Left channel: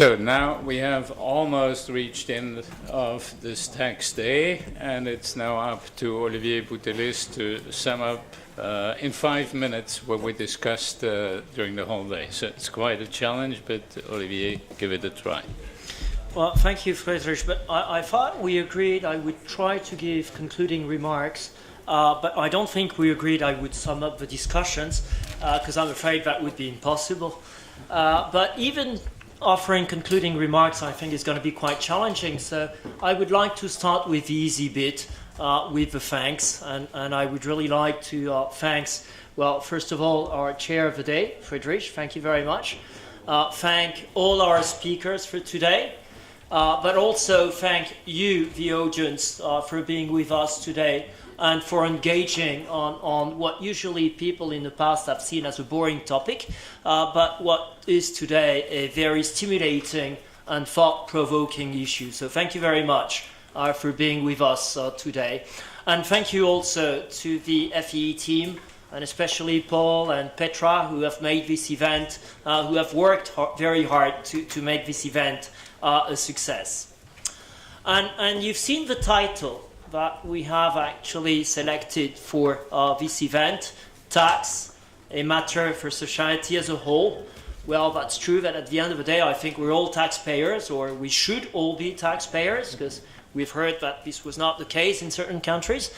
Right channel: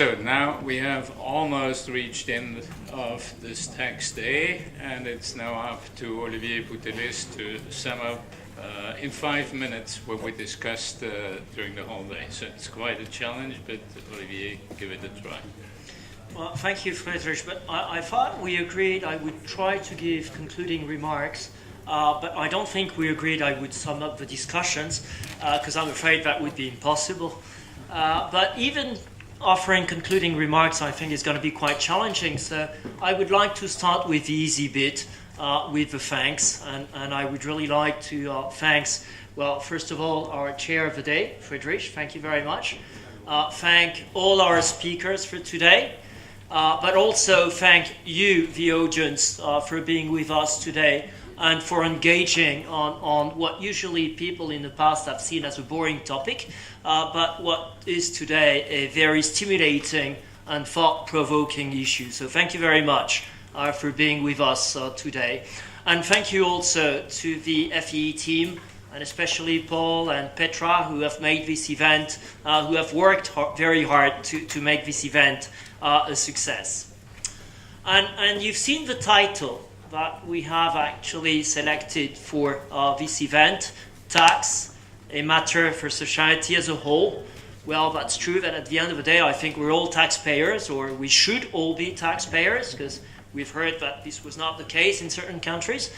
So now we have almost reached the end of this tax day, and it's now up to Olivier Boutellis to sum up in 5 minutes what we discussed during the whole day. So it's quite a challenge, but Olivier, give it a try. Well, thank you, Friedrich. But I thought we agreed I would try to give concluding remarks, but I don't think we agreed I would sum up the discussions, because I'm afraid that would be impossible. But even offering concluding remarks, I think, is going to be quite challenging. So I would like to start with the easy bit, with the thanks. And I would really like to thanks, well, first of all, our chair of the day, Friedrich. Thank you very much. Thank all our speakers for today. But also thank you, the audience, for being with us today and for engaging on what usually people in the past have seen as a boring topic, but what is today a very stimulating and thought-provoking issue. So thank you very much for being with us today. And thank you also to the FEE team, and especially Paul and Petra, who have made this event, who have worked very hard to make this event a success. And you've seen the title that we have actually selected for this event, Tax, a Matter for Society as a Whole. Well, that's true that at the end of the day, I think we're all taxpayers, or we should all be taxpayers, because we've heard that this was not the case in certain countries.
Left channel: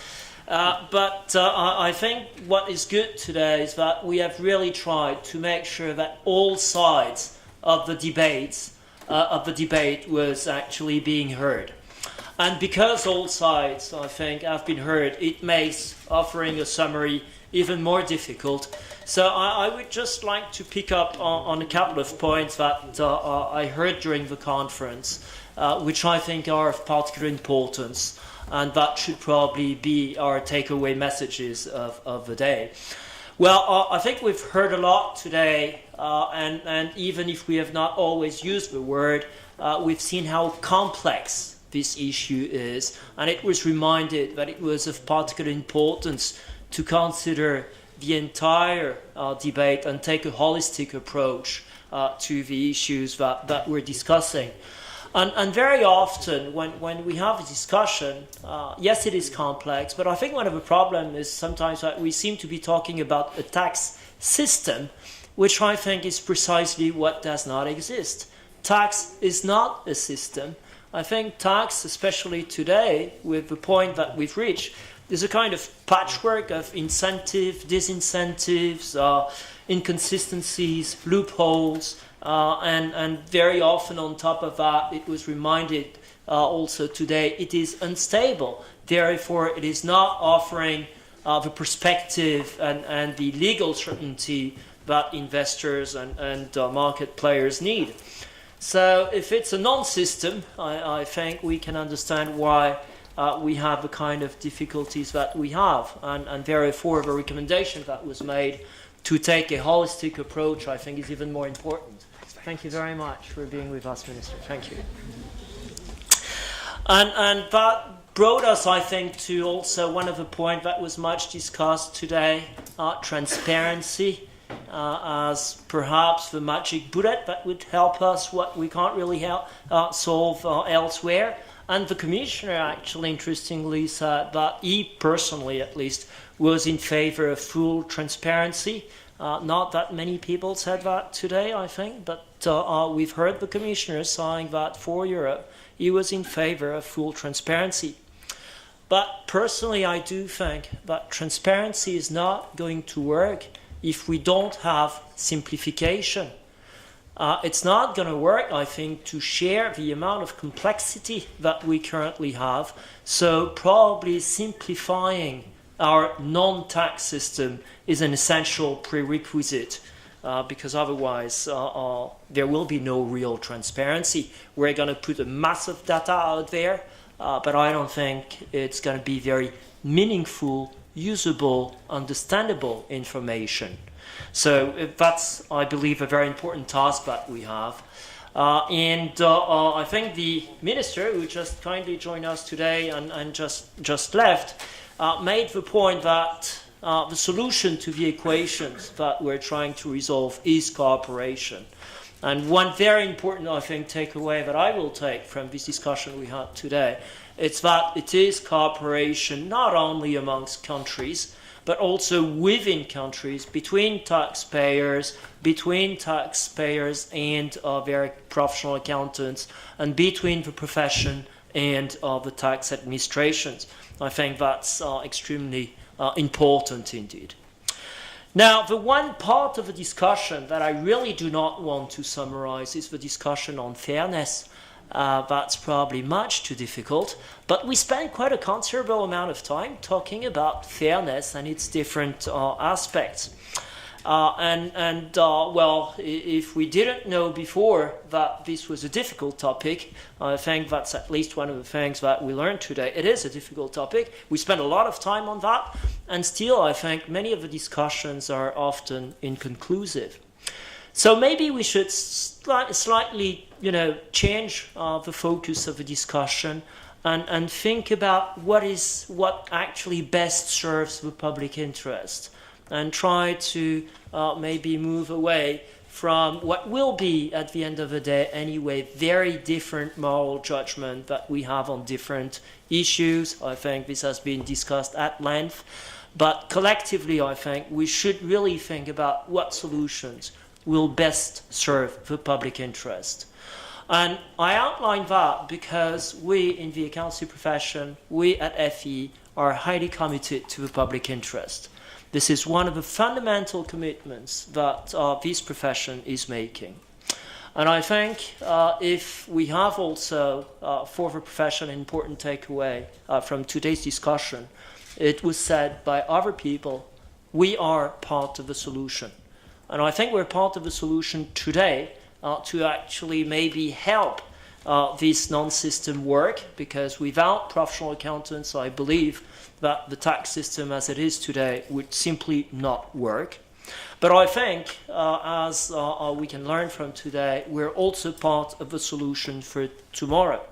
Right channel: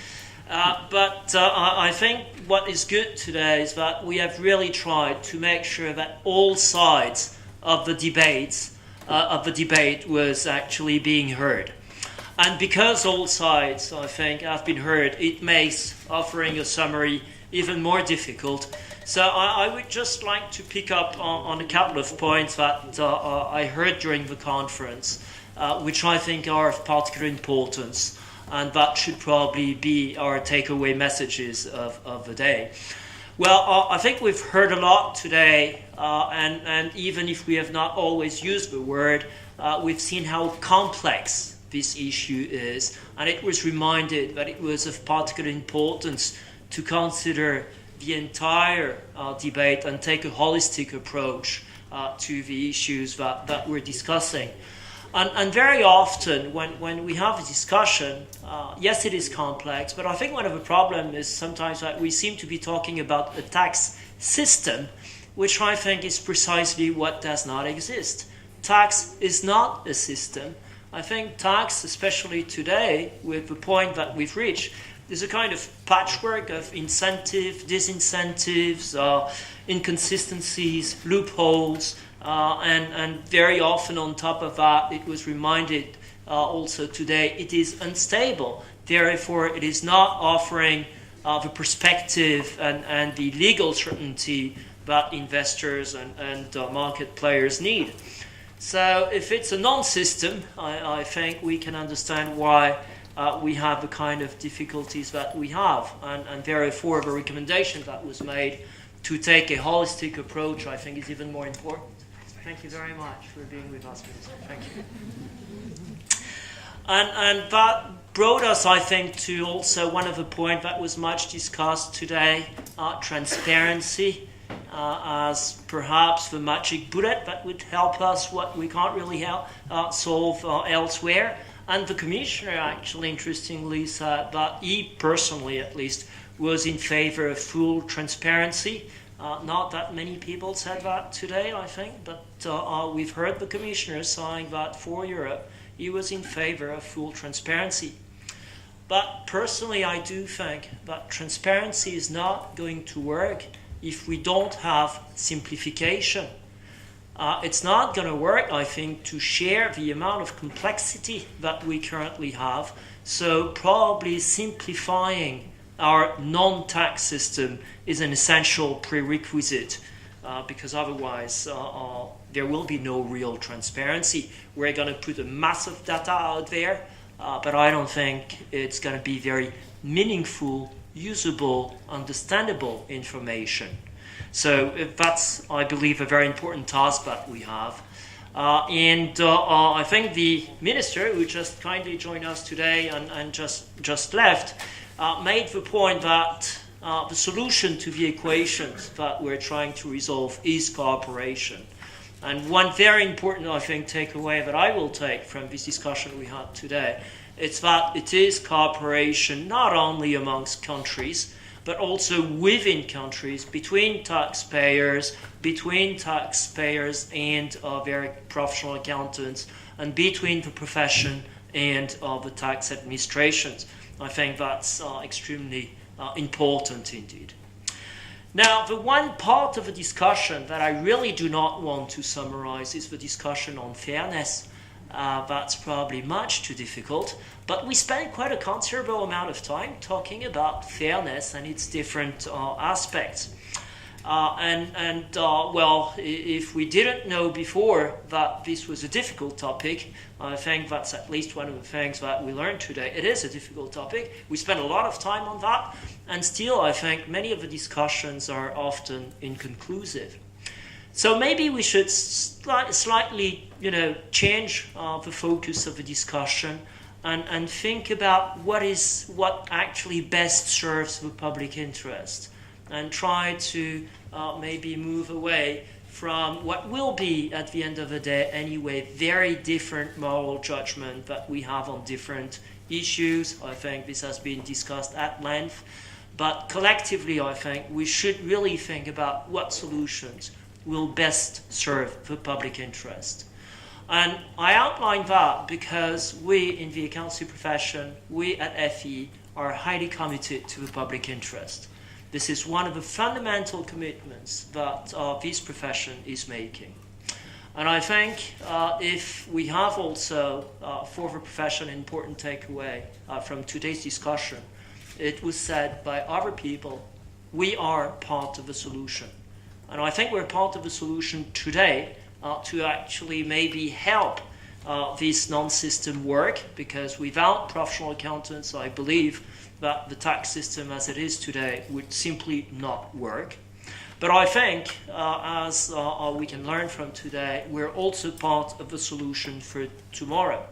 But I think what is good today is that we have really tried to make sure that all sides of the debate was actually being heard. And because all sides, I think, have been heard, it makes offering a summary even more difficult. So I would just like to pick up on a couple of points that I heard during the conference, which I think are of particular importance, and that should probably be our takeaway messages of the day. Well, I think we've heard a lot today, and even if we have not always used the word, we've seen how complex this issue is, and it was reminded that it was of particular importance to consider the entire debate and take a holistic approach to the issues that we're discussing. And very often when we have a discussion, yes, it is complex, but I think one of the problems is sometimes that we seem to be talking about a tax system, which I think is precisely what does not exist. Tax is not a system. I think tax, especially today, with the point that we've reached, is a kind of patchwork of incentives, disincentives, inconsistencies, loopholes, and very often on top of that, it was reminded also today, it is unstable. Therefore, it is not offering the perspective and the legal certainty that investors and market players need. So if it's a non-system, I think we can understand why we have the kind of difficulties that we have. And therefore, the recommendation that was made to take a holistic approach, I think, is even more important. Thank you very much for being with us, Minister. Thank you. And that brought us, I think, to also one of the points that was much discussed today, transparency. As perhaps the magic bullet that would help us what we can't really solve elsewhere. And the Commissioner actually interestingly said that he personally at least was in favor of full transparency. Not that many people said that today, I think, but we've heard the Commissioner saying that for Europe he was in favor of full transparency. But personally I do think that transparency is not going to work if we don't have simplification. It's not going to work, I think, to share the amount of complexity that we currently have. So probably simplifying our non-tax system is an essential prerequisite, because otherwise there will be no real transparency. We're going to put a massive data out there, but I don't think it's going to be very meaningful, usable, understandable information. So that's, I believe, a very important task that we have. I think the Minister, who just kindly joined us today and just left, made the point that the solution to the equations that we're trying to resolve is cooperation. And one very important, I think, takeaway that I will take from this discussion we had today, it's that it is cooperation not only amongst countries, but also within countries, between taxpayers and their professional accountants, and between the profession and the tax administrations. I think that's extremely important indeed. Now, the one part of the discussion that I really do not want to summarize is the discussion on fairness. That's probably much too difficult, but we spent quite a considerable amount of time talking about fairness and its different aspects. Well, if we didn't know before that this was a difficult topic, I think that's at least one of the things that we learned today. It is a difficult topic. We spent a lot of time on that, and still I think many of the discussions are often inconclusive. So maybe we should slightly, change the focus of the discussion and think about what actually best serves the public interest, and try to maybe move away from what will be, at the end of the day anyway, very different moral judgment that we have on different issues. I think this has been discussed at length, but collectively I think we should really think about what solutions will best serve the public interest. And I outline that because we in the accountancy profession, we at FE, are highly committed to the public interest. This is one of the fundamental commitments that this profession is making. And I think if we have also for the profession an important takeaway from today's discussion, it was said by other people, we are part of the solution. And I think we're part of the solution today to actually maybe help this non-system work, because without professional accountants, I believe that the tax system as it is today would simply not work. But I think, as we can learn from today, we're also part of the solution for tomorrow.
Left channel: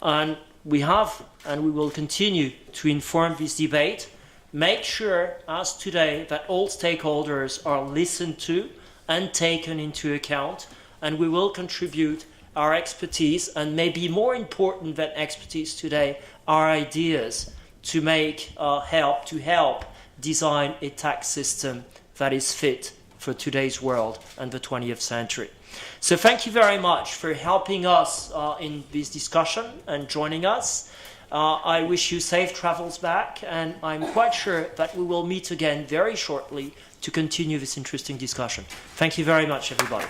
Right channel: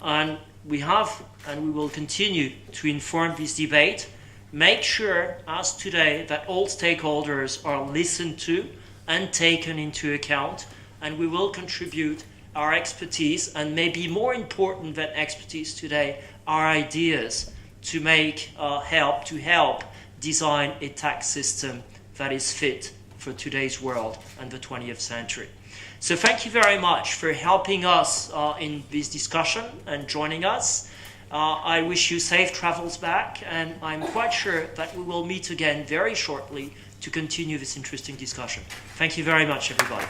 And we have, and we will continue to inform this debate, make sure, as today, that all stakeholders are listened to and taken into account, and we will contribute our expertise, and maybe more important than expertise today, our ideas to help design a tax system that is fit for today's world and the 20th century. So thank you very much for helping us in this discussion and joining us. I wish you safe travels back, and I'm quite sure that we will meet again very shortly to continue this interesting discussion. Thank you very much, everybody.